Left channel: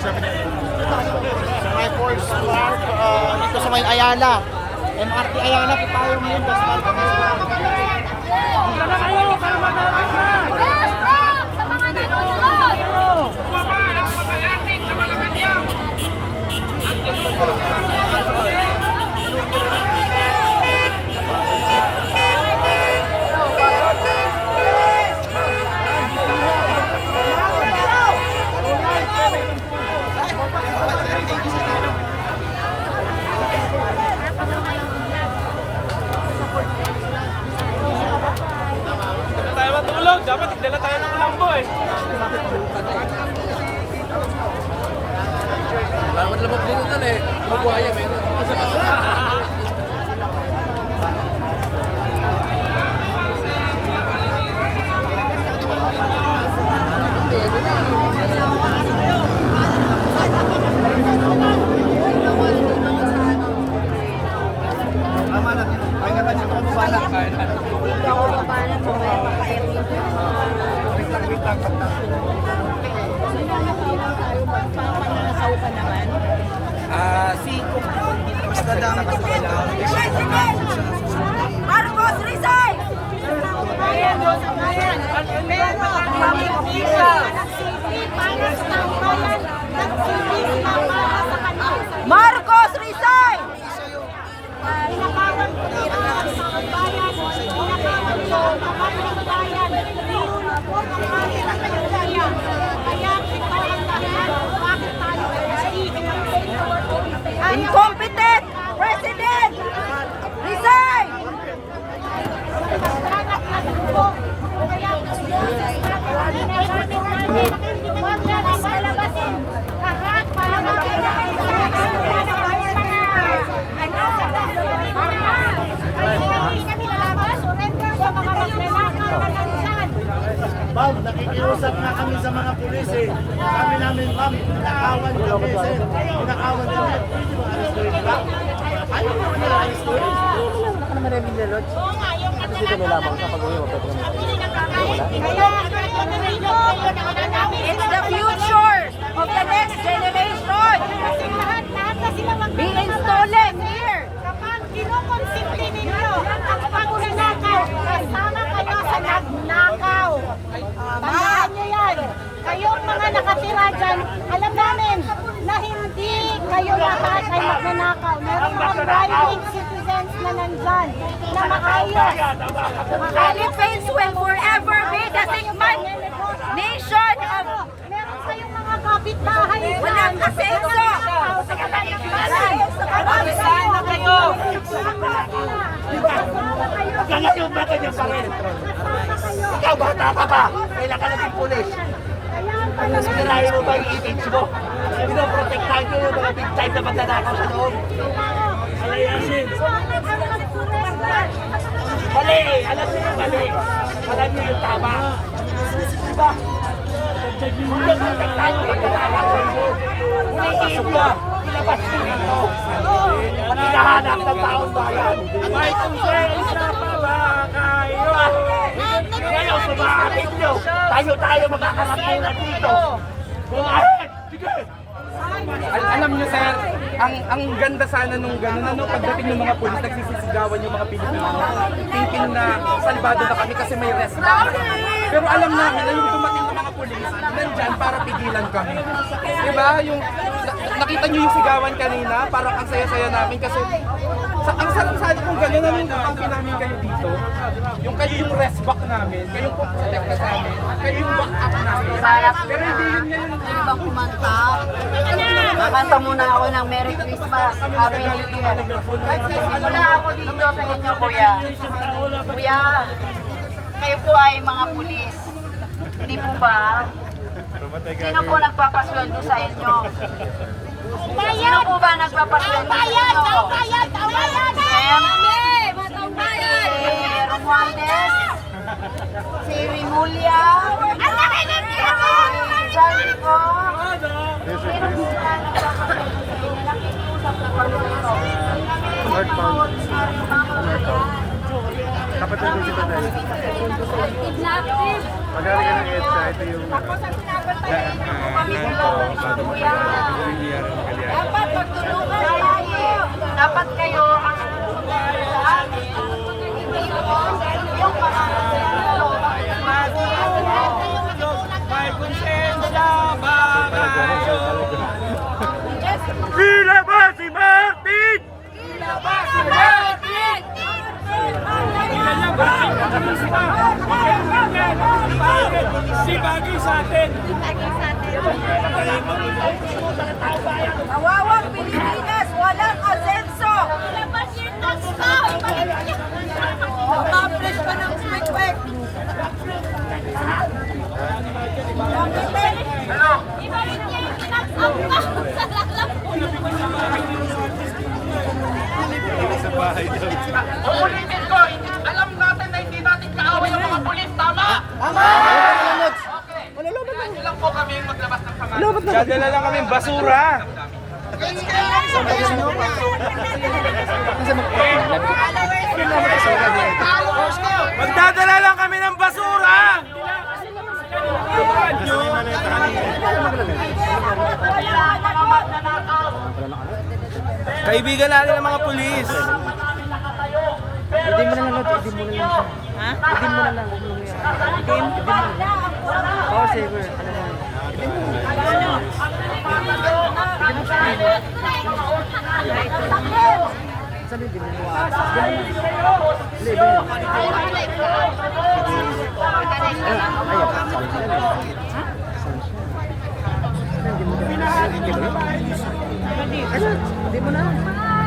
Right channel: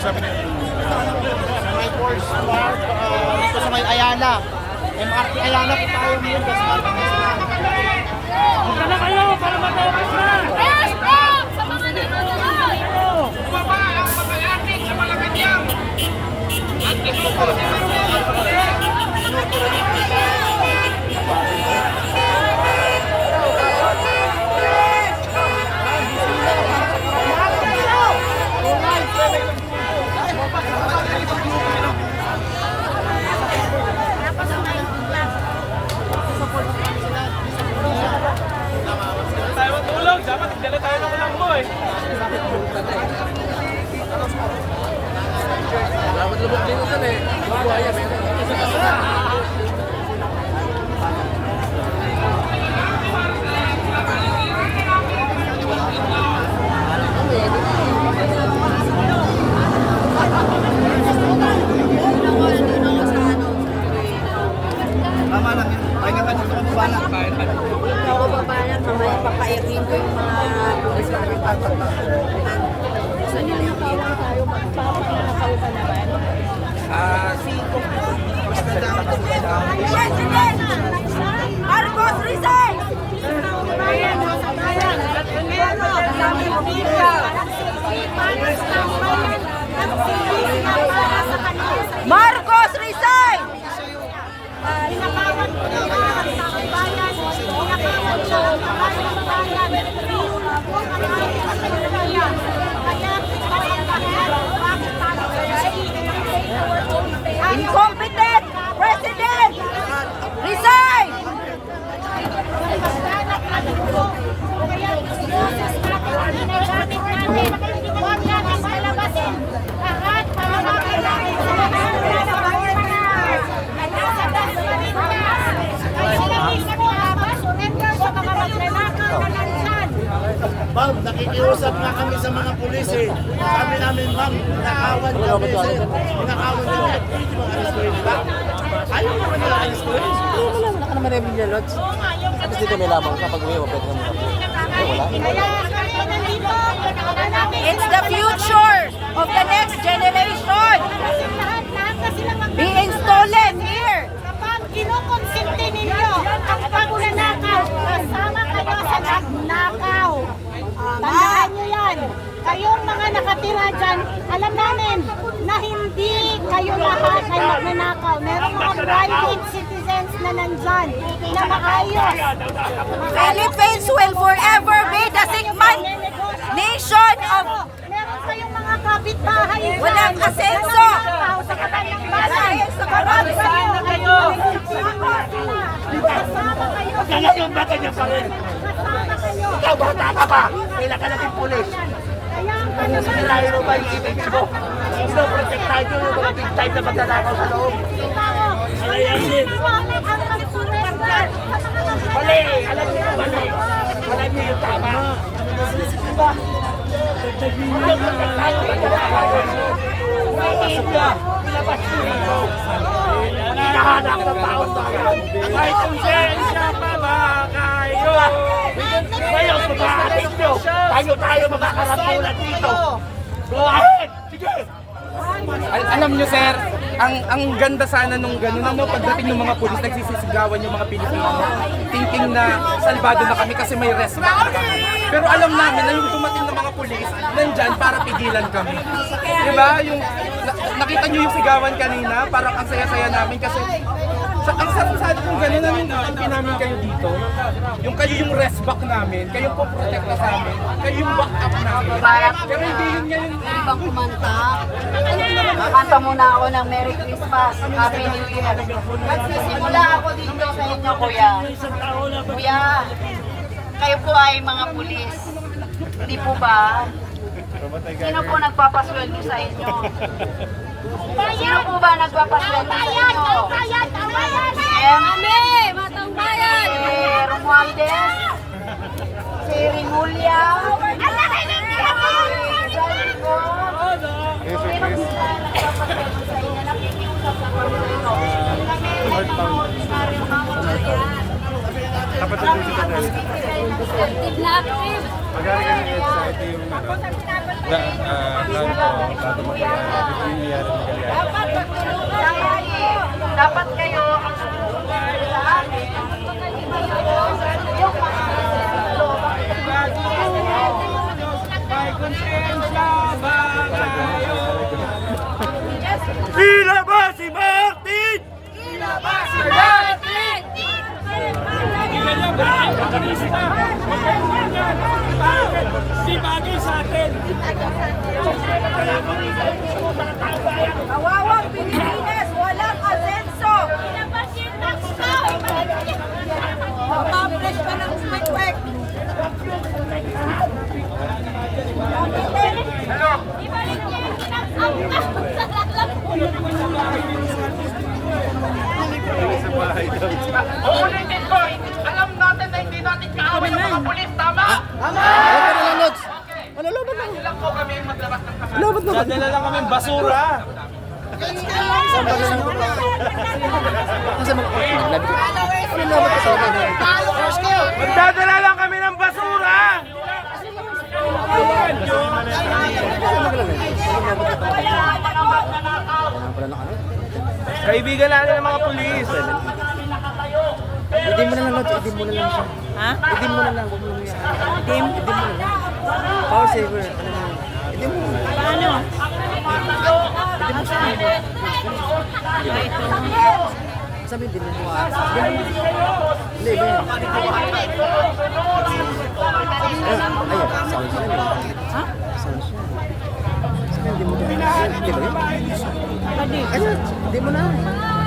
Sabi ni ito sa may Ayala. MRT Ayala po tayo ngayon. Huwag na kayo para matapos na! Sa mga nagulog! Tayo matulog, dapat dala tayo ng ulambo eh. Dapat labog din ito eh. Mabuhaya, meron. Tama lang yun. Ay naman yung kamubalan. Marcos, resign! Marcos, resign! Incompetent President! Resign! Ma'am, nakikiusap na kami sa mga pulis eh. Sabi namin, ma'am, nakawan kami sir. Nakawan kami. Aristuin ka? Ayaw mo kami aristuin? Wala ka naman yung Lodge. Tapos dito may lamang ka pag uwi, mapwede ka muna. Wala. It's the future of the next generation. Being stolen here. Kapag kinukonsinti ninyo ang pagnanakaw, kasama kayo sa nagnakaw. Tandaan nyo yan. Kayong mga nakatira dyan, alam namin na hindi kayo lahat ay magnanakaw. Merong mga private citizens na nandyan na maayos. Philippines will forever be the Sigman nation of Meron kayong mga kapitbahay dyan. walang asenso. Sa kaban ng bahay. Kapag kayo. Kasama kayo. Ngayon ba ganyan pa rin? Kasama kayo. Ikaw bata ka pa! Kailan ka naging pulis? Kaya ang tanong Sinirahin mo ba yung image mo? Pinoprotektahan nyo yung mga big time na magnanakaw sa loob. Alayasin! Mali! Alam niyo yung mali! Alam niyo yung tama! Diba? Kung yung protektahan yung magnanakaw sa loob, papasok ka! Ilabas nyo ito! Hinahanap ng taon bayan! Ay, kung siya pa ba kayo? Ngayon, sumahatin nyo! Tayo magkakarampulan dito! Go ahead! Sige! Alam nyo sir, ang ganda sana nung gano'n, ano, pagdating ng mga pulis, nagsisisigawan yung mga Pilipino. Thinking na salbado na kami kasi may respect na kami. Pero alam namin na yung dumating ng mga pulis, nandyan para pigilan kami. Diba? Yung, nakita nyo yung sigawan kanina, parang ang saya-saya namin kasi ang sarap sana kung gano'n, nanundukin namin kayo dito. Yung kayo yung rest back namin, kayo yung protect na sa amin, kayo yung back up namin. Pero hindi yun ngayon. Ibang kumanta. Kanta muna ako ng Merry Christmas, Happy New Year. Nagsisimula ako dito sa inyo, kuya. Kuya, kayo po ay mga pulis. Hindi po ba? Sino po nagpapasweldo sa inyo? Sino po ba nagpapasweldo sa inyo? Em? Si Romualdez? Si Rimulya? Si Zalico? Sino po ba nagpapasenso sa inyo? Nakikiusap po kami dito. Northbound. Northbound. Kapatid doon si Tadel. Pag-ari ka ng EDSA, ito yung daan ko. Dapat magtulungan tayo. Dapat kayo ang tumulong sa amin. Hindi yung mga Ilabas si Martin! Ilabas si Martin! Si Bagay sa atin! Kawawang Pilipinas, walang asenso! Accomplish ka ng quick-quick! Ibalik niya yung kinakap ka sa lalamunan. Ulitin ko, alam natin na hindi natin kaaway ang mga pulis, tama? Kaya lang po kami maglabas ng sama. Dadala lang kami basura. Magdadala lang kami ng basura. Kaibigan natin ng mga pulis. Idim mo na lang, Lods. Idim mo na lang siya. Ha? Idim mo na lang. Huwag mo lang yan. Idim mo na lang. Power saver. Ano mo? Idim mo. Idim mo siya. Sabi, idim mo. Hindi, iba yan. Ayun. Sound siya. Ha? Sound siya. Sabi, idim mo dyan. Hindi ba yun? Ayun. Idim mo na.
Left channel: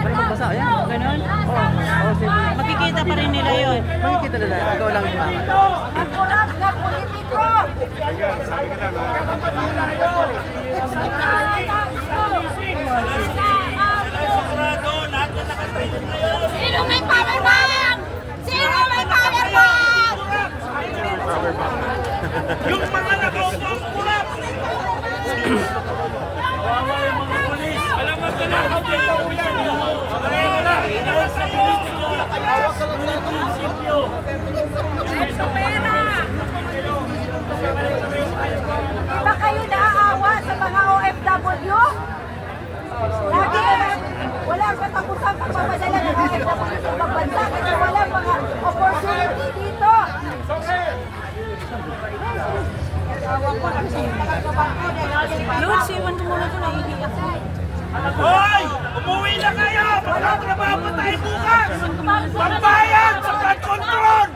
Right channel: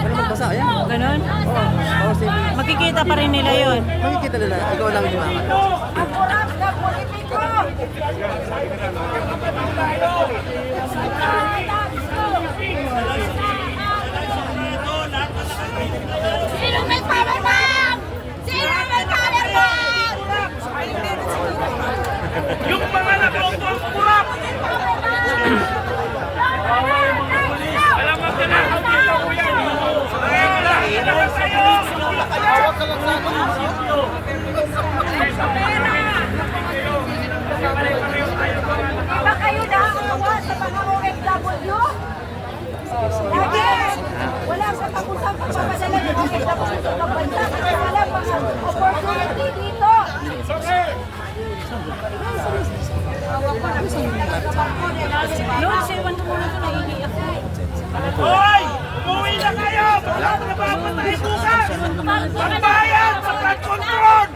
Para magbasa, ayan. Ganon? Oo. Power saver. Makikita pa rin nila yun. Makikita nila, ikaw lang himangat. Ang kurang na politiko! Sino may kalamang? Sino may kalamang? Yung mga nakapagpapurap! Alam mo sila, kung dito ko yan. Hawak ka lang sa ano? Di ba kayo naaawa sa mga OFW? Lagi na lang, wala sa tapusang pagpapadala ng OFW sa ibang bansa kasi wala mga opportunity dito. Awa ko, nakikita lang sa bangko. Lord, siwan mo muna ito na hindi ako. Hoy! Umuwi na kayo! Walang trabaho tayo bukas! Pambayad sa flood control!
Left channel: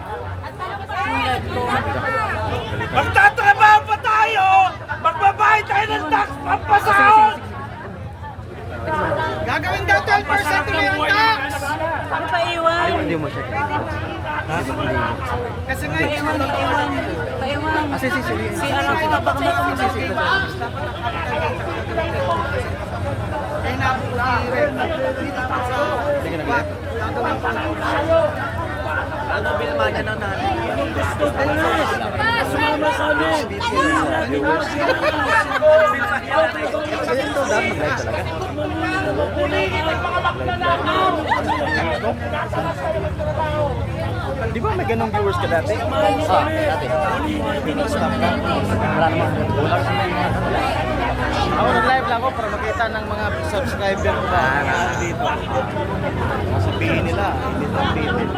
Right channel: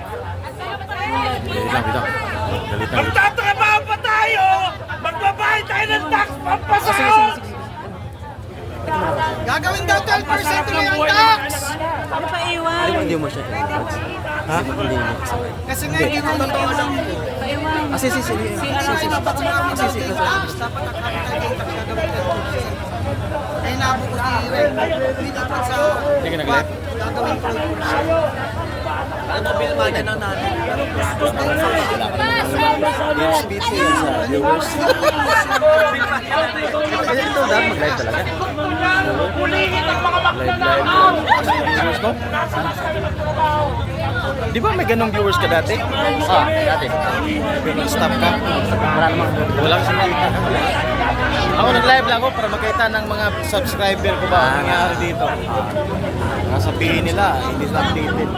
Magtatrabaho pa tayo! Magbabayad tayo ng tax pampasahod! Gagawin daw 12% ng buhay tax! Ano pa iwan? Ay, hindi mo siya kailangan. Hindi mo. Kasi nga hindi mo natulong. Sige. Sige na gala. Ito dapat mag-live talaga. Pulingin ang mga magnanakaw! Di ba may ganong viewers ka dati? Dati. Stop ka? Wala naman. Wala kasi ako nag-live lang ako para makita ng mga subscriber ko ba nangyari dito. Nasabihin nila, hindi sa updated.